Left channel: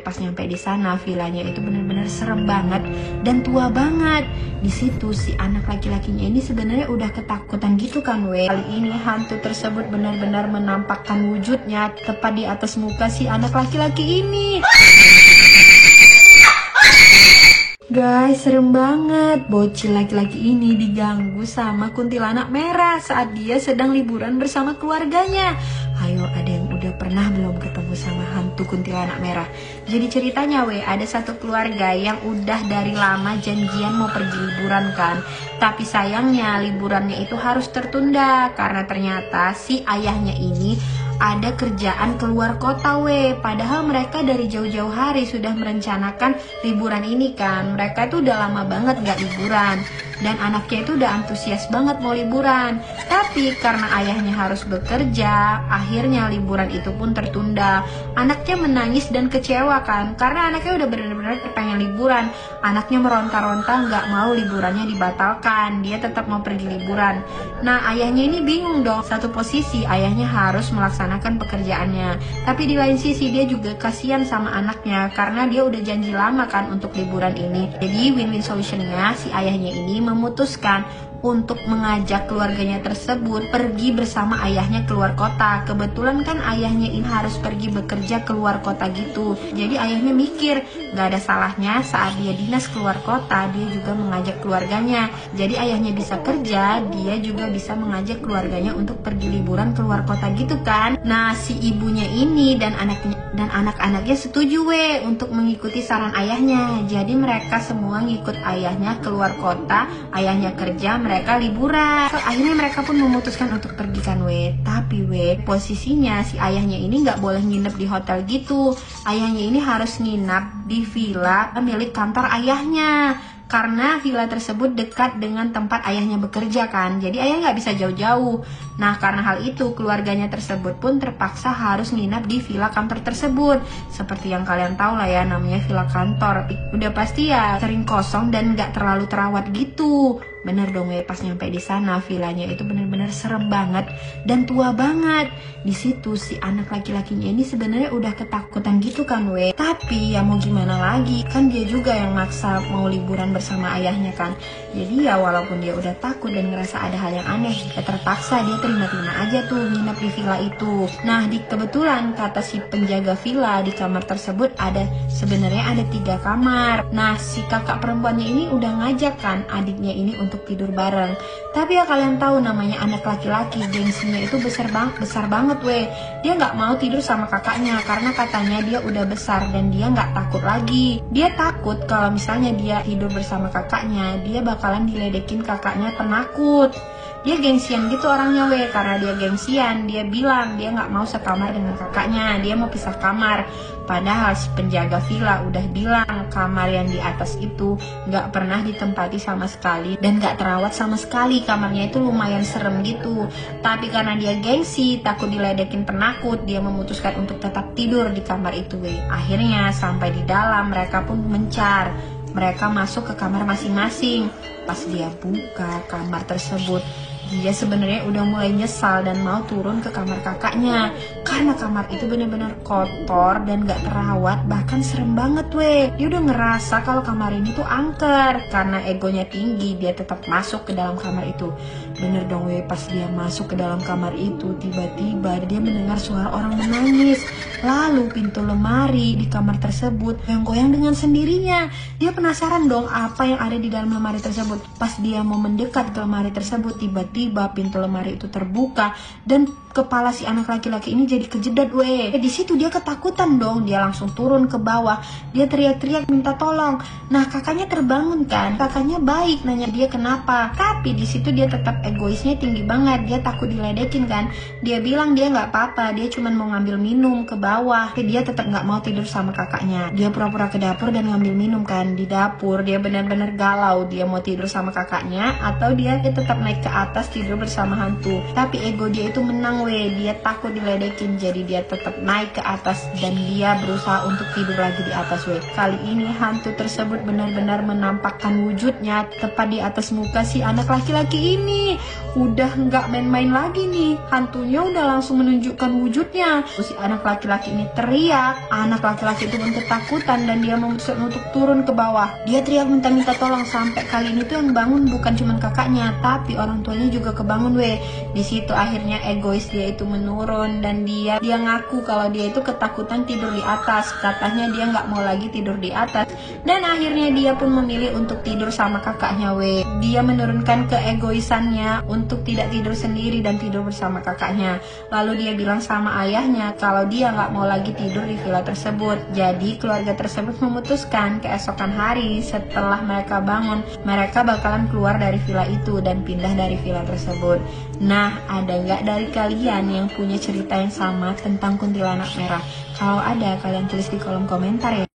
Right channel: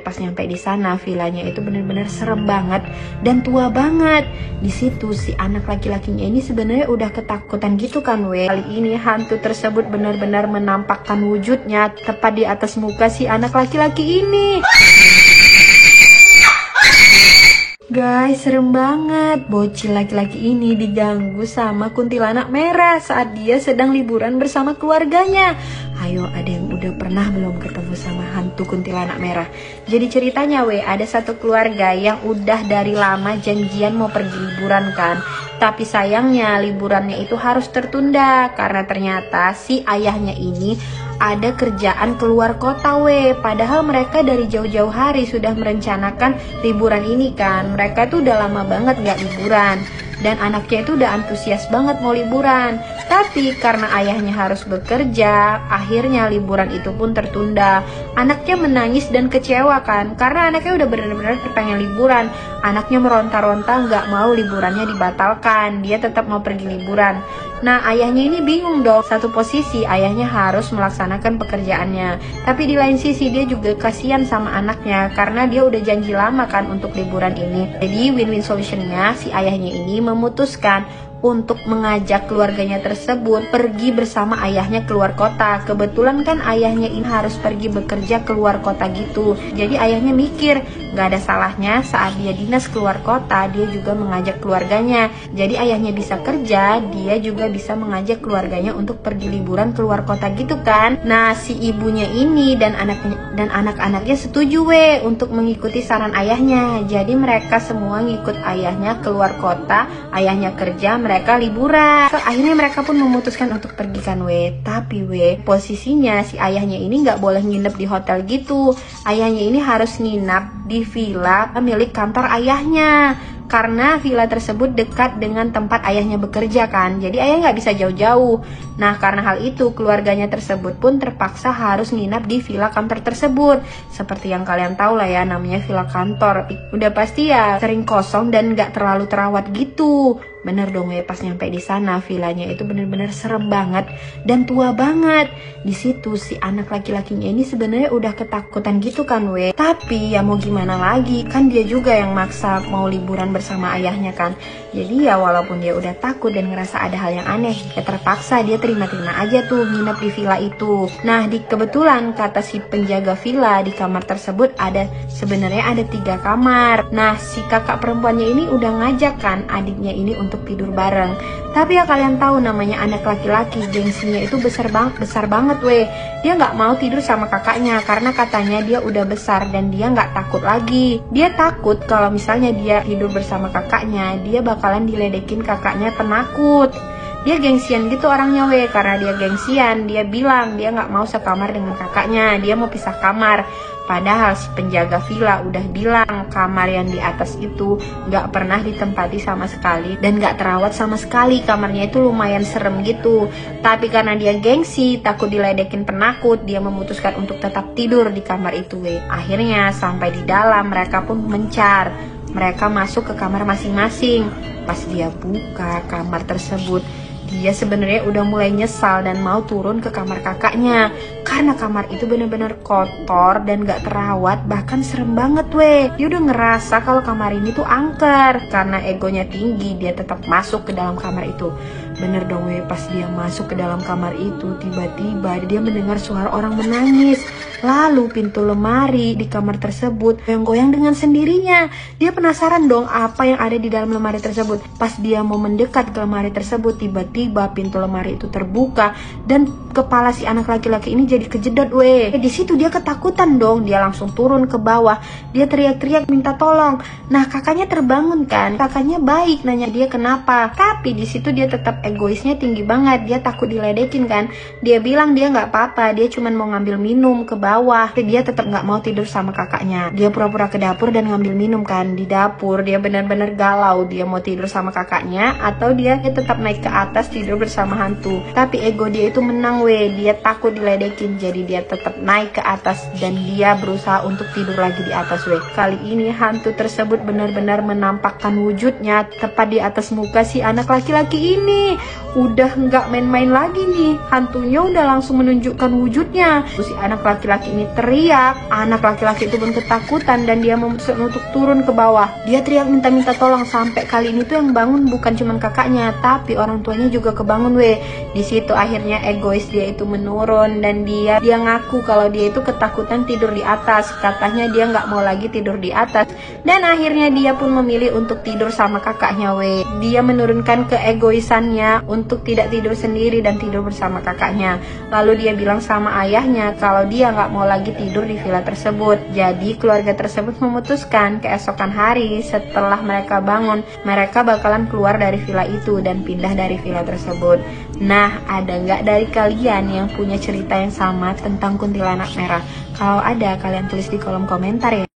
Pas nyampe di sana, villanya itu bener-bener serem banget dan tua banget. Di situ si anak laki-lakinya ini sebenarnya udah ketakutan gitu kan we. Kali ini hantu tersebut benar-benar menampakkan wujudnya tepat di atas muka si anak laki-laki ini. Guys, serem banget. Bocil laki-laki ini diganggu sama kuntilanak merah saat dia sedang liburan bersama keluarganya. Ayo, ada yang udah pernah belum ketemu sama hantu kuntilanak merah? Jadi ceritanya ada satu keluarga yang udah dari lama janjian mau pergi liburan kan. Tapi sayangnya liburannya itu harus tertunda karena ternyata si ayahnya ini ada kerjaan keluar kota padahal mereka dari jauh-jauh hari sudah merencanakan liburan ini kan. Mereka itu udah lama banget gak liburan dan anaknya itu udah antusias banget mau liburan. Tapi karena ayahnya harus bekerja, akhirnya liburan itu pun tertunda. Anaknya menangis dan kecewa kan karena anaknya udah benar-benar pengen liburan. Anaknya meronta-ronta gak mau liburannya dibatalkan, dia tetap mau pergi liburan. Nah, ayahnya ini bingung dong. Satu posisi ayahnya harus melaksanakan pekerjaannya, tapi di lain sisi dia juga kasihan sama anaknya karena dia udah janji lama kan untuk liburan ini. Jadi win-win solutionnya si ayahnya ini memutuskan untuk mengajak keluarganya tersebut pergi bersama ayahnya keluar kota. Kebetulan kan ayahnya ini harus pergi bekerja keluar kota gitu. Jadi ayahnya mikir gak ada salahnya saat dia dinas keluar kota dia juga mengajak keluarganya. Jadi ayahnya bisa kerja, dia juga bisa mengajak keluarganya untuk pergi liburan keluar kota gitu kan. Nah, si ibunya ini dan anak-anaknya setuju untuk mengikuti saran ayahnya. Jadi mereka semua ngikut ayahnya keluar kota, ayahnya kerja, mereka liburan. Akhirnya mereka pun memutuskan untuk pergi kan tapi posisinya si ayahnya ini nggak boleh nginep di hotel gitu. Ayahnya ini harus nginap di villa milik kantor ayahnya karena villa tersebut dekat dengan tempat ayahnya bekerja kan. Jadi ayah nggak bisa jauh-jauh. Nah, karena hal itu keluarganya tersebut pun terpaksa harus nginap di villa kantor tersebut. Seperti yang kalian tahu lah ya, namanya villa kantor. Udah pasti ya sering kosong dan nggak terlalu terawat gitu. Bener dong pas nyampe di sana, villanya itu bener-bener serem banget dan tua banget. Di situ si anak laki-lakinya ini sebenarnya udah ketakutan gitu kan tapi ya mau gimana lagi, kan dia juga yang maksa mau liburan bersama ayahnya kan. Jadi ya walaupun dia udah takut dan ngerasa ada hal yang aneh, ya terpaksa dia terima-terima aja tuh nginep di villa itu. Nah, kebetulan kata si penjaga villa, di kamar tersebut sebenarnya ada 3 kamar. Nah, si kakak perempuannya ini udah ngajak kan adiknya ini untuk tidur bareng. Tapi ya kalian tahu namanya anak laki-laki, gengsinya itu besar banget Dia nggak mau tidur sama kakaknya karena katanya dia udah besar dan dia nggak takut lagi. Dia takut kalau misalnya dia tidur bersama kakaknya, dia bakalan diledekin kakaknya penakut. Dia gengsian gitu orangnya karena dia gengsian, dia bilang dia nggak mau sekamar dengan kakaknya, dia mau pisah kamar. Padahal si penjaga villa udah bilang kamar yang di atas itu nggak pernah ditempati sama sekali dan nggak terawat sama sekali. Kamarnya itu lumayan serem gitu. Tapi karena dia gengsi, takut diledekin penakut, dia memutuskan untuk tetap tidur di kamar itu Akhirnya sampai di dalam mereka pun mencar. Mereka masuk ke kamar masing-masing. Pas dia buka kamar tersebut, dia sebenarnya udah mulai nyesal dan mau turun ke kamar kakaknya karena kamar itu bener-bener kotor dan gak terawat, bahkan serem banget Dia udah ngerasa kalau kamar ini tuh angker. Karena egonya tinggi, dia tetap masuk ke dalam kamar itu. Bener dong pas dia masuk ke dalam kamar itu, tiba-tiba dia mendengar suara orang menangis. Lalu pintu lemari di kamar tersebut goyang-goyang dengan sendirinya. Dia penasaran dong apa yang ada di dalam lemari tersebut. Pas dia mau mendekat ke lemari tersebut, tiba-tiba pintu lemari itu terbuka dan kepala si anak laki-laki ini jadi kejedot Di situ dia ketakutan dong, dia langsung turun ke bawah. Dia teriak-teriak minta tolong. Nah, kakaknya terbangun kan. Kakaknya baik nanya dia kenapa. Tapi di situ dia tetap egoisnya tinggi banget. Dia takut diledekin kan. Dia bilang dia nggak apa-apa, dia cuma mau ngambil minum ke bawah. Tapi dia tetap nggak mau tidur sama kakaknya. Dia pura-pura ke dapur dan ngambil minum kan. Di dapur dia benar-benar galau. Dia mau tidur sama kakaknya atau dia tetap naik ke atas tidur bersama hantu. Tapi ego dia itu menang dia takut diledekin, jadi dia tetap naik ke atas dan dia berusaha untuk tidur lagi di atas Kali ini hantu tersebut benar-benar menampakkan wujudnya tepat di atas muka si anak laki-laki ini. udah nggak main-main lagi nih. Hantunya udah langsung menunjukkan wujudnya. Terus si anak laki-laki ini teriak. Anak laki-laki itu pun ketakutan dan dia memutuskan untuk turun ke bawah. Dia teriak minta tolong, sampai kali ini tuh yang bangun bukan cuma kakaknya, tapi orang tuanya juga kebangun weh. Di situ akhirnya egois dia itu menurun dan dia ngaku kalau dia itu ketakutan tidur di atas. Katanya dia nggak mau lagi tidur di atas dan akhirnya dia pun memilih untuk tidur sama kakaknya weh. Dia menurunkan keegoisannya untuk tidak tidur sendiri dan tidur bersama kakaknya. Lalu dia bilang sama ayahnya kalau dia nggak mau lagi tidur di villa tersebut. Jadi keluarga tersebut memutuskan keesokan hari setelah mereka bangun, mereka bakalan keluar dari villa itu dan pindah dari villa tersebut. Nah, ada nggak dari kalian yang punya cerita yang sama tentang kuntilanak merah? Kalau ada, kalian tulis di kolom komentar ya.